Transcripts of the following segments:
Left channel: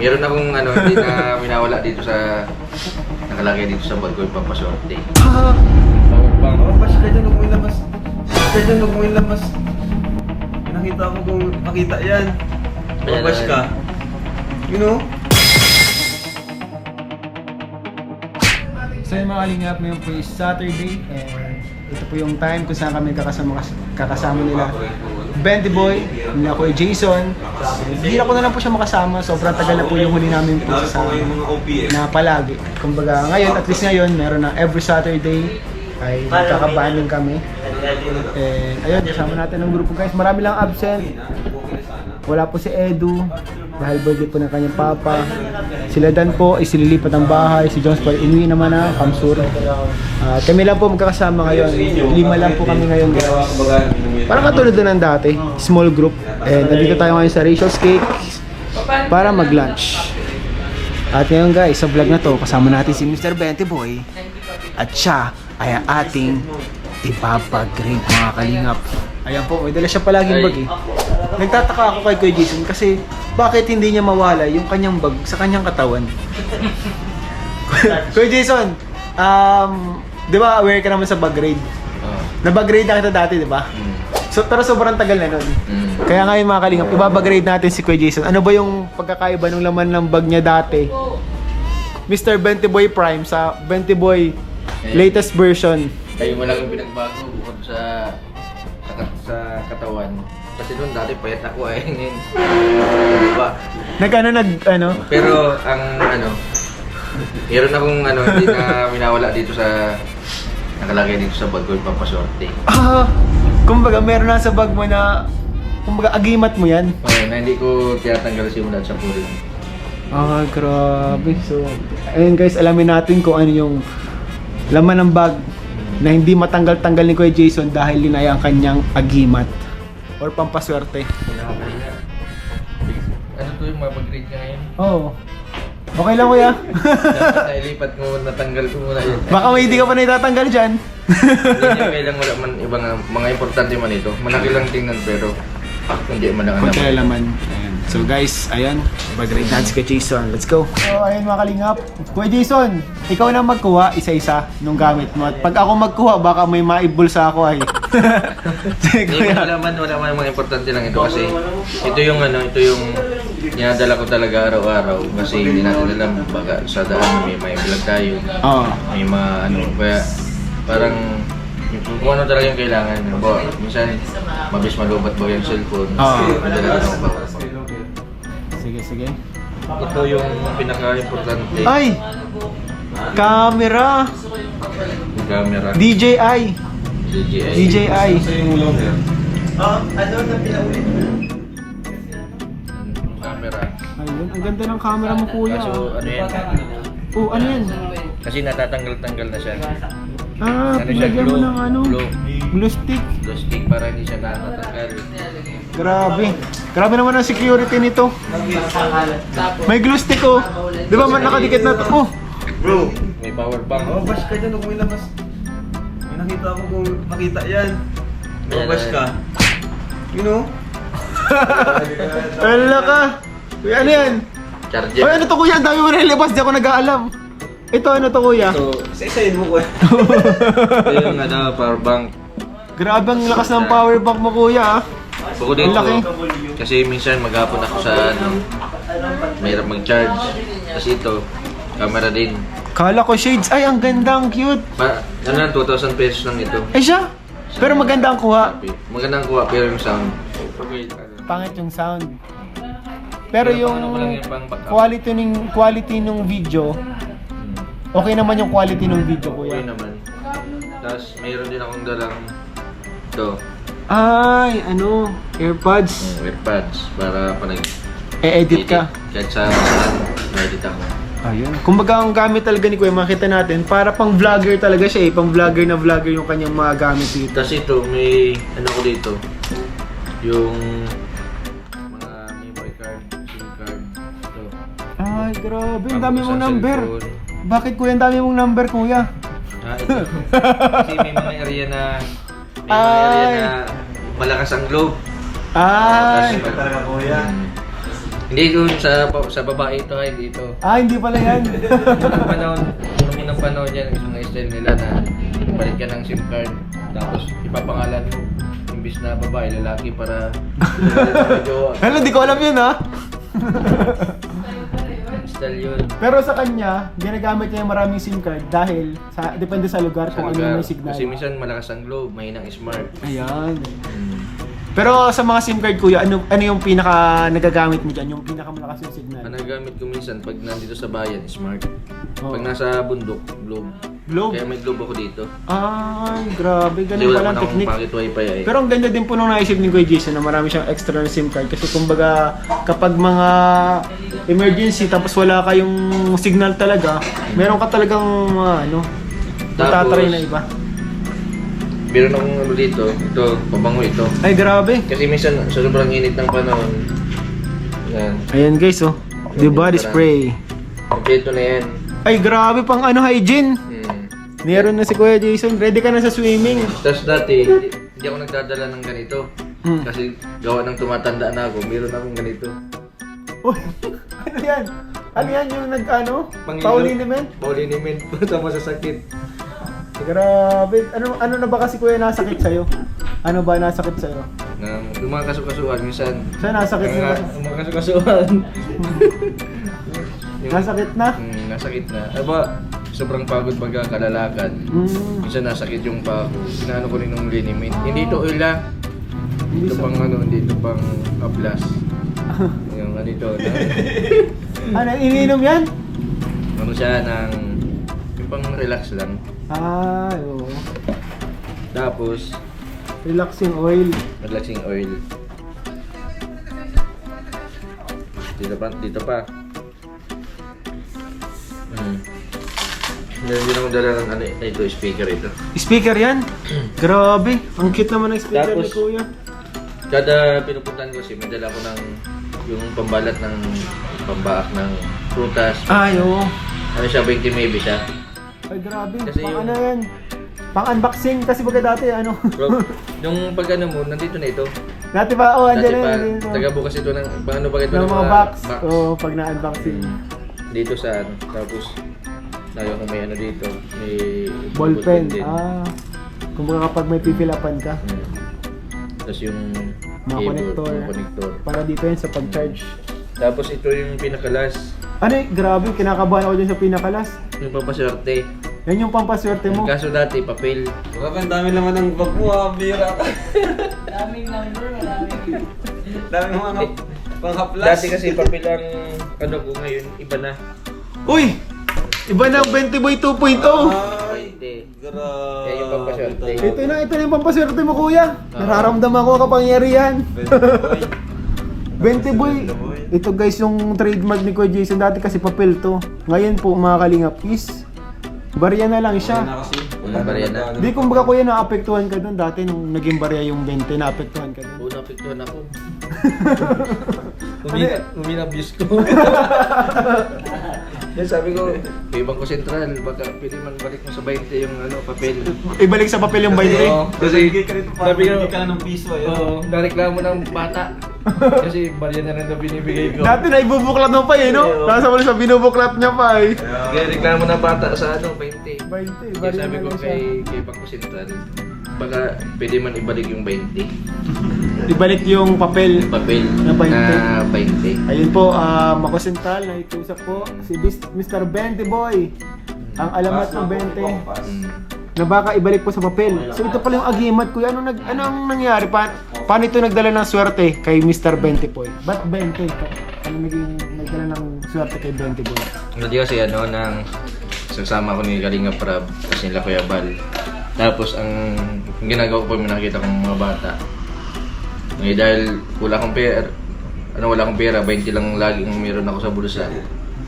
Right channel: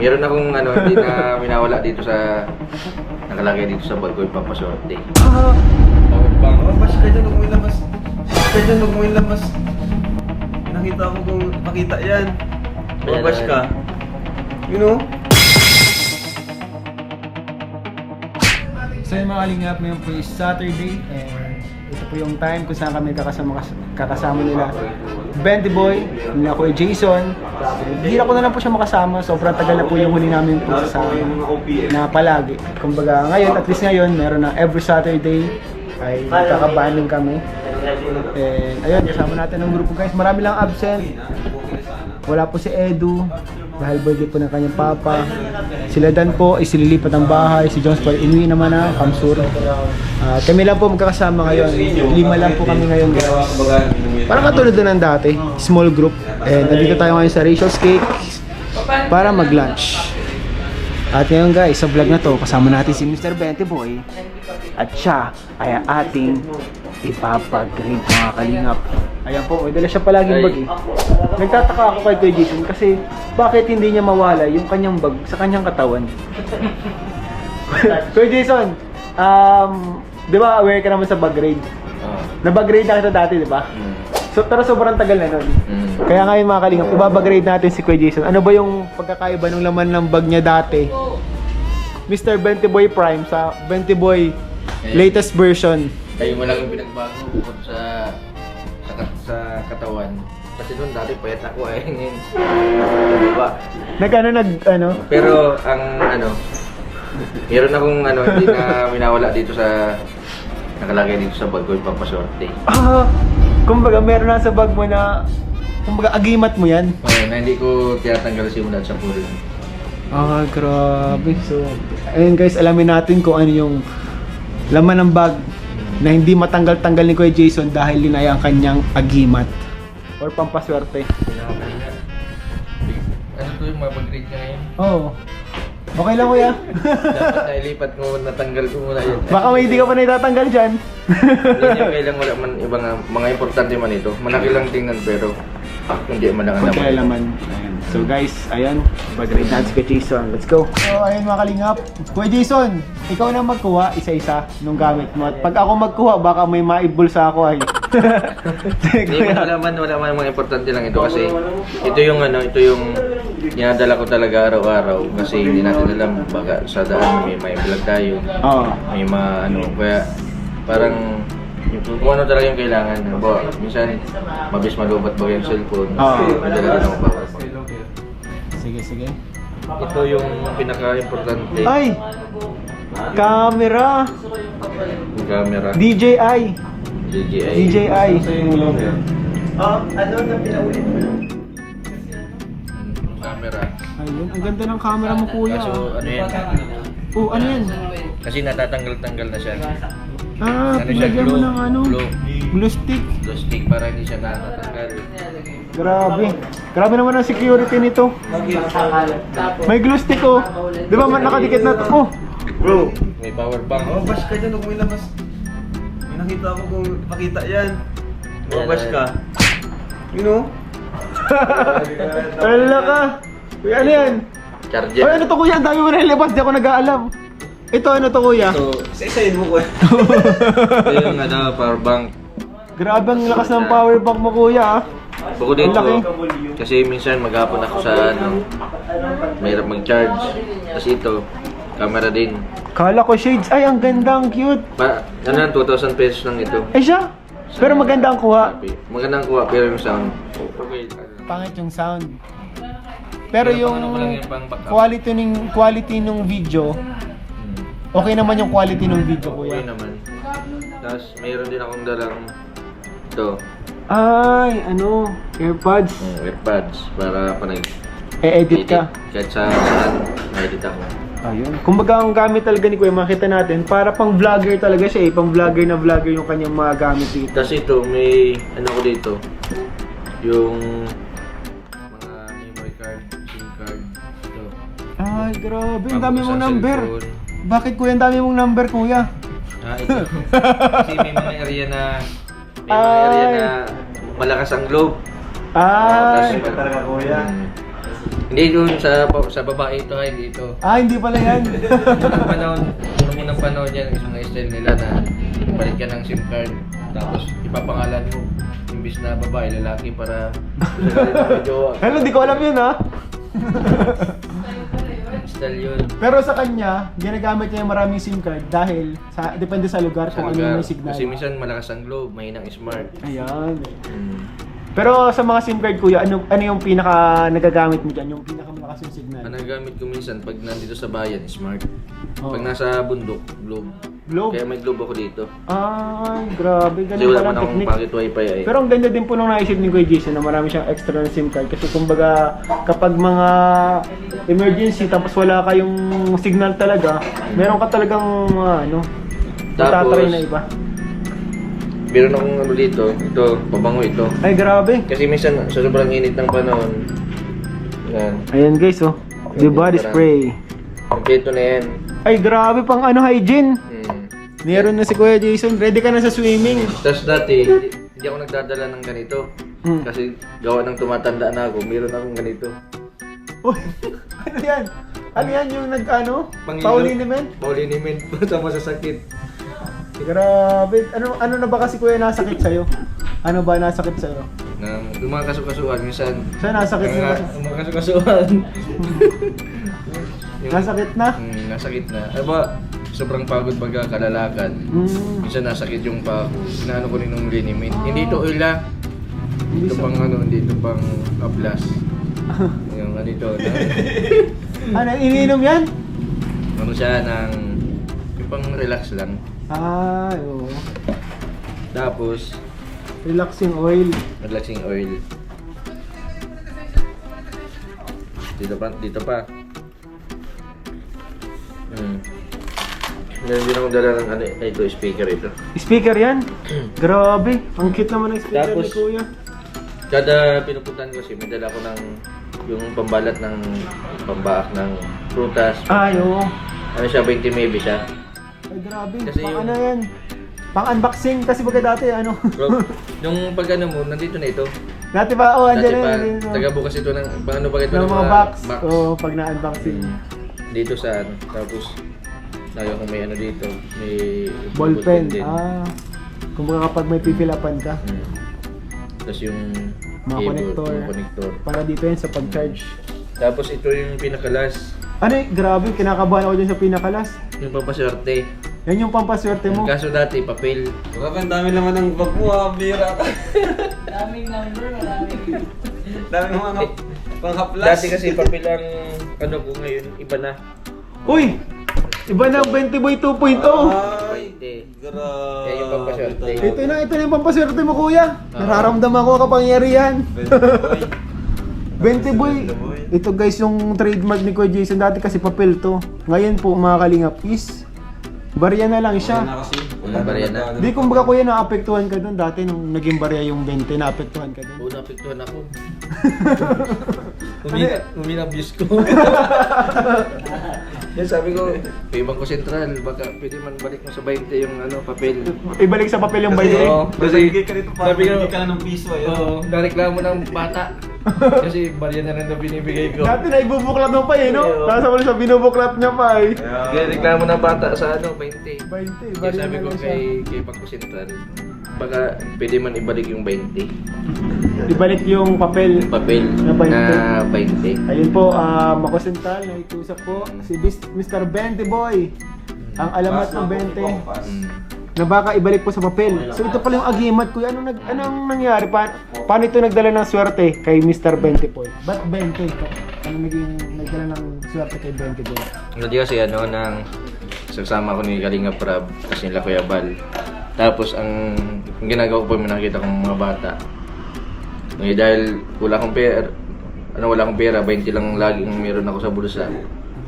Meron akong ano, hindi na minawala dito sa nakalagay dito sa bag ko yung pampasorte. Power bank. Oh, bash ka dyan, huwag mo ilabas. Bash ka dyan, huwag mo ilabas. Nakita ko kung makita yan. Oh, bash ka. You know? So yun mga kalingap, ngayon po is Saturday and ito po yung time kung saan kami kakasama nila Benty Boy, nila Kuya Jason. Bihira ko na lang po siya makasama, sobrang tagal na po yung huli namin po sa na palagi. Kumbaga ngayon, at least ngayon, meron na every Saturday ay magkakabanding kami. And ayun, kasama natin ang grupo guys, marami lang absent. Wala po si Edu dahil birthday po ng kanyang papa. Sila Dan po ay sililipat ng bahay. Si Jones po ay inuwi naman na Kamsur. Kami lang po magkakasama ngayon. 5 lang po kami ngayon guys. Parang katulad doon ng dati, small group. And nandito tayo ngayon sa Rachel's Cake para mag-lunch. At ngayon guys, sa vlog na to, kasama natin si Mr. Benty Boy. At siya ay ating ipapag-grade mga kalingap. Ayan po, may dala siya palaging bag eh. Nagtataka ako kay Kuya Jason kasi bakit hindi niya mawala yung kanyang bag sa kanyang katawan. Kuya Jason, di ba aware ka naman sa bag grade? Na-bag grade na kita dati, di ba? So, pero sobrang tagal na nun. Kaya ngayon mga kalingap, ibabag-grade natin si Kuya Jason. Ano ba yung pagkakaiba ng laman ng bag niya dati? Mr. Benty Boy Prime sa Benty Boy latest version. Kayo mo lang yung pinagbago bukod sa katawan. Kasi doon dati payat ako eh. Ngayon, diba? Pero ang meron akong hindi na minawala dito sa nakalagay dito sa bag ko yung pampasorte. Kumbaga meron na sa bag mo na kumbaga agimat mo yan. Oo, na hindi ko tinatanggal simula sa puro. Grabe. So, ayun guys, alamin natin kung ano yung laman ng bag na hindi matanggal-tanggal ni Kuya Jason dahil yun ay ang kanyang agimat or pampaswerte. Ano to yung mapag-grade ka ngayon? Oo. Okay lang kuya. Dapat nailipat ko, natanggal ko muna yun. Baka may hindi ka pa na itatanggal dyan. Hindi niya kailang wala man ibang mga importante man ito. Malaki lang tingnan pero hindi man ang Okay laman. So guys, ayan, mag-grade natin si Kuya Jason. Let's go. So ayun mga kalingap. Kuya Jason, ikaw na magkuha isa-isa nung gamit mo. At pag ako magkuha, baka may maibulsa ako ay. Hindi wala man mga importante lang ito kasi ito yung dinadala ko talaga araw-araw kasi hindi natin alam baka sa daan may vlog tayo. May kaya parang kung ano talaga yung kailangan. Minsan mabilis malubat ba yung cellphone. Madala na ako power bank. Sige. Ito yung pinaka-importante. Ay! Camera! Yung camera. DJI! DJI. Ano na pinaulit mo? Camera. Ayun, ang ganda ng camera mo kuya. Kaso ano yan? Ano yan? Kasi natatanggal-tanggal na siya. Pinagyan mo ng glue stick. Glue stick para hindi siya natatanggal. Grabe naman ang security nito. May glue stick oh. Di ba man nakadikit na to? Bro, May power bank. oh, bash ka dyan, huwag mo ilabas. May nakita ko kung makita yan. Oh, bash ka. You know? Wala ka. Uy, ano yan? Charger. Ay, ano to kuya? Ang dami mo na ilabas. Di ako nag-aalam. Ito, ano to kuya? Isa-isayin mo ko. Ito yung power bank. Grabe ang lakas ng power bank mo kuya ah. Bukod dito, kasi minsan maghapon ako sa mahirap mag-charge. Kasi ito, camera din. Kala ko shades. Ay, ang ganda, ang cute. 2,000 pesos lang ito. Ay siya? Pero maganda ang kuha. Magandang kuha, pero yung sound. Pangit yung sound. Pero Pero yung pang ano mo lang yan, pang backup. quality ng video, okay naman yung quality ng video kuya. Okay naman. Tapos mayroon din akong dalang ito, Ay, AirPods. earpads para panag E-edit ka. Kahit saan na-edit ako. Ayun. Kumbaga ang gamit talaga ni Kuya, makita natin, para pang vlogger talaga siya eh. Pang vlogger na vlogger yung kanyang mga gamit dito. Tapos ito, may ko dito. Yung mga memory card, SIM card. Ito. Ay, grabe. Ang dami Pang mong sa number. cellphone. Bakit kuya, ang dami mong number kuya? Ito. Kasi may mga area na malakas ang globe. Ay. Tapos, talaga kuya. Hindi doon sa babae ito, hindi ito. Hindi pala yan. Nung unang panahon yan, isang style nila na palit ka ng SIM card, tapos ipapangalan mo, imbis na babae, lalaki para medyo Hello, di ko alam yun ha. style yun. Pero sa kanya, ginagamit niya yung maraming SIM card dahil depende sa lugar Sa kung ano lugar, yung signal. kasi minsan malakas ang globe, mahinang smart. Ayan. Hmm. Pero sa mga SIM card kuya, ano yung pinaka nagagamit mo dyan? Yung pinaka malakas yung signal? Ang nagamit ko minsan pag nandito sa bayan, smart. Oo. Pag nasa bundok, globe. Globe? Kaya may globe ako dito. Grabe. Kasi Ganun wala pala man ang akong technique. pocket wifi eh. Pero ang ganda din po nung naisip ni Kuya Jason na marami siyang extra na SIM card kasi kumbaga kapag mga emergency tapos wala kayong signal talaga, meron ka talagang matatry na iba. Meron akong ano dito, ito, pabango ito. Ay grabe. Kasi minsan sa sobrang init ng panahon, yan. Ayan guys oh. The body spray. Kompleto na yan. Ay grabe pang hygiene. Hmm. Meron na si Kuya Jason. Ready ka na sa swimming. Tapos dati, hindi ako nagdadala ng ganito. Hmm. Kasi gawa ng tumatanda na ako, meron akong ganito. Uy, ano yan? Ano yan yung Pangilo. Pauliniment? Pauliniment po sa masasakit. Grabe. Ano na ba kasi Kuya nasakit sa'yo? Ano ba nasakit sa'yo? Yung mga kasukasuan, minsan. Saan nasakit mo? Yung mga kasukasuan. Nasakit na? Nasakit na. Ano ba, sobrang pagod pagka kalalakad. Minsan nasakit yung pa ako. Inaano ko rin ng liniment. Hindi ito oil ah. Dito pang dito pang aplas. Yung dito na. Ano, iniinom yan? Ano siya yung pang relax lang. Oo. Tapos, Relaxing oil. relaxing oil. Dito pa. Meron din akong dala ng ito, speaker ito. Speaker yan? Grabe. Ang cute naman ng speaker ni Tapos, Kuya. Kada pinupuntahan ko kasi may dala ko ng yung pambalat ng pambaak ng prutas. Oo. Ano siya, 20 maybe siya. Ay, grabe. Kasi Pang yung- ano yan? Pang unboxing kasi baga dati Bro, yung pag mo, nandito na ito. Dati pa, Dati andyan na pa, yun. taga-bukas ito ng, paano ba ito Ng mga box. Pag na-unboxing. Dito sa tapos, lagi akong may dito, may Ballpen. din. Kumbaga kapag may pipilapan ka. Tapos yung Mga connector. mga connector. Para dito yan sa pag-charge. Tapos ito yung pinakalas, Grabe, kinakabahan ako dyan sa pinakalas. yung pampaswerte. Yan yung pampaswerte mo. Kaso dati, papel. Grabe, ang dami naman ng bag mo ha, bira ka. Daming number, maraming. Daming mga panghaplas. Dati kasi papel ang ko ngayon, iba na. Uy! Iba na ang 20 boy 2.0. Ay, 20. grabe. Yan yung pampaswerte. Ito na yung pampaswerte mo kuya. Nararamdaman ko kapangyarihan. 20 boy. Ito guys yung trademark ni Kuya Jason. Dati kasi papel to. Ngayon po mga kalingap is barya na lang siya. Barya na. Di kumbaga kuya naapektuhan ka dun. Dati nung naging barya yung 20, naapektuhan ka dun. Oo, napiktuhan ako. Uminabuse ko. Yan sabi ko, kay Bangko Sentral, baka pwede man balik mo sa 20 yung papel. Ibalik sa papel yung 20. Oo, Kasi ka rito para sabi ko, hindi ka na ng piso. oo, nareklamo ng bata. Kasi barya na rin na binibigay ko. Dati na ibubuklat mo pa eh, no? Tapos wala sa binubuklat niya pa eh. Kaya reklamo ng bata sa 20. 20, Kaya barya sabi na ko lang siya. kay Bangko Sentral, baka pwede man ibalik yung 20. Ibalik yung papel. Yung papel Na 20. na 20. Ayun po, Makosental, nakikusap po si Mr. 20 Boy. Ang alamat ng 20 na baka ibalik po sa papel. So ito pala yung agimat ko. Anong nangyari? Paano ito nagdala ng swerte kay Mr. 20 Boy? Ba't 20? Ano naging nagdala ng swerte kay 20 Boy? Hindi kasi nang sasama ko ni Kalinga Prab kasi nila Kuya Bal. Tapos ang ginagawa ko po, nakita kong mga bata. Dahil wala akong pera, 20 lang lagi ang meron ako sa bulsa.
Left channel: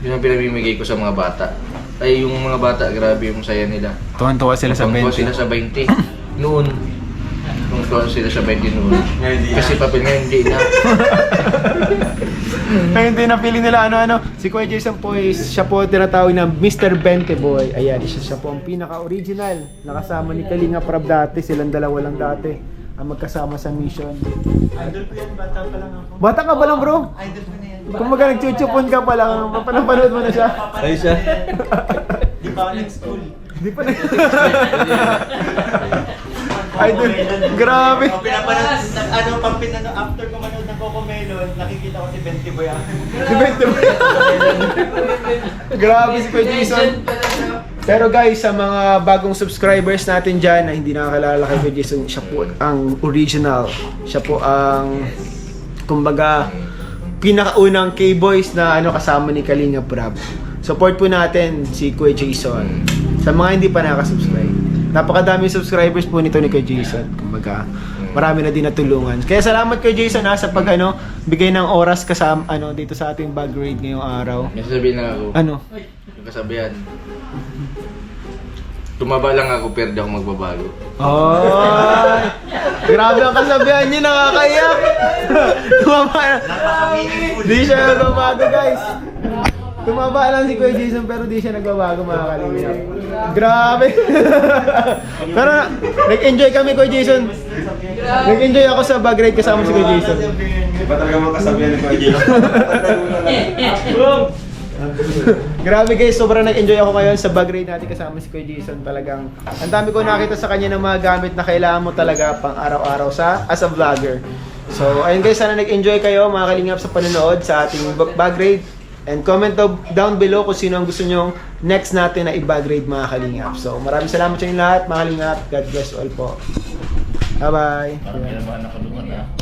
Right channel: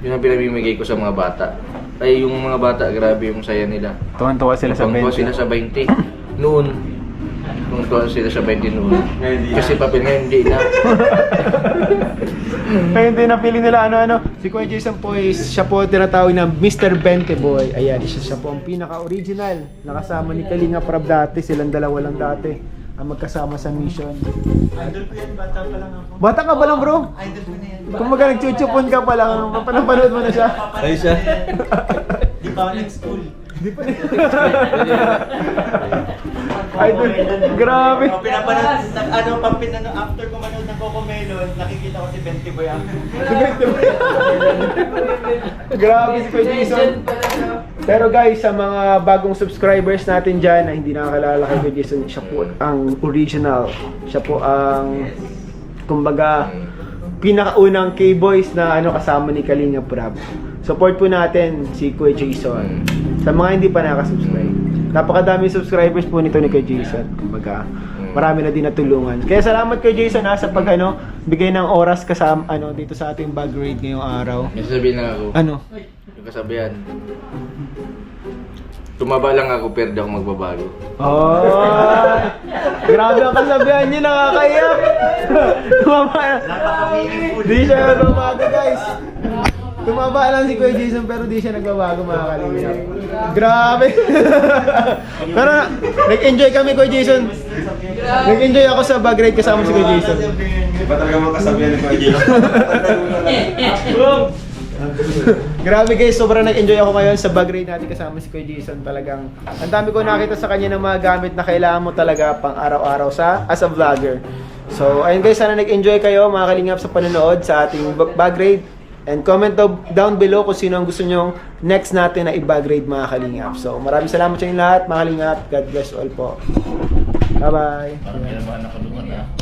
Yun ang pinamimigay ko sa mga bata. Ay yung mga bata, grabe yung saya nila. Tuwan-tuwa sila sa Tuwang-tuwa 20. sila sa 20 noon. Tuwang-tuwa sila sa 20 noon. Kasi papel ngayon hindi na. Kaya hindi napili nila ano-ano. Si Kuya Jason po siya po tinatawag na Mr. 20 Boy. Ayan, siya po ang pinaka-original. Nakasama ni Kalinga Prab dati, silang dalawa lang dati. magkasama sa mission. Idol ko yan, bata pa lang ako. Bata ka ba lang bro? Idol ko na yan. Kung maga nagchuchupon ka pa lang, napanood mo na siya. Ay siya. Di pa ako nag-school. Di pa na. Idol, grabe. Pinapanood, after ko manood ng Coco Melon, nakikita ko si Benty Boy ako. Grabe si Kuya Jason. Pero guys, sa mga bagong subscribers natin dyan na hindi nakakalala kay Kuya Jason, siya po ang original. Siya po ang, kumbaga, pinakaunang K-Boys na kasama ni Kalinga Prab. Support po natin si Kuya Jason. Sa mga hindi pa nakasubscribe. Napakadaming subscribers po nito ni Kuya Jason. Kumbaga, marami na din natulungan. Kaya salamat Kuya Jason sa pag bigay ng oras kasama dito sa ating bag raid ngayong araw. May sasabihin lang ako. Ano? Yung kasabihan. Tumaba lang ako pero di ako magbabago. Oh! Grabe ang kasabihan niyo, nakakaiyak! Tumaba na. Napaka-meaningful. Di siya nagbabago guys. Tumaba lang si Kuya Jason pero di siya nagbabago mga kalingap. Grabe! Pero nag-enjoy kami Kuya Jason. Nag-enjoy ako sa bag ride kasama si Kuya Jason. Iba talaga mga kasabihan ni Kuya Jason. Grabe guys, sobrang nag-enjoy ako ngayon sa bag ride natin kasama si Kuya Jason. Talagang ang dami ko nakita sa kanya ng mga gamit na kailangan mo talaga pang araw-araw as a vlogger. So ayun guys, sana nag-enjoy kayo mga kalingap sa panonood sa ating bag raid. And comment down below kung sino ang gusto nyong next natin na i-bag raid mga kalingap. So maraming salamat sa inyo lahat mga kalingap. God bless all po. Bye bye.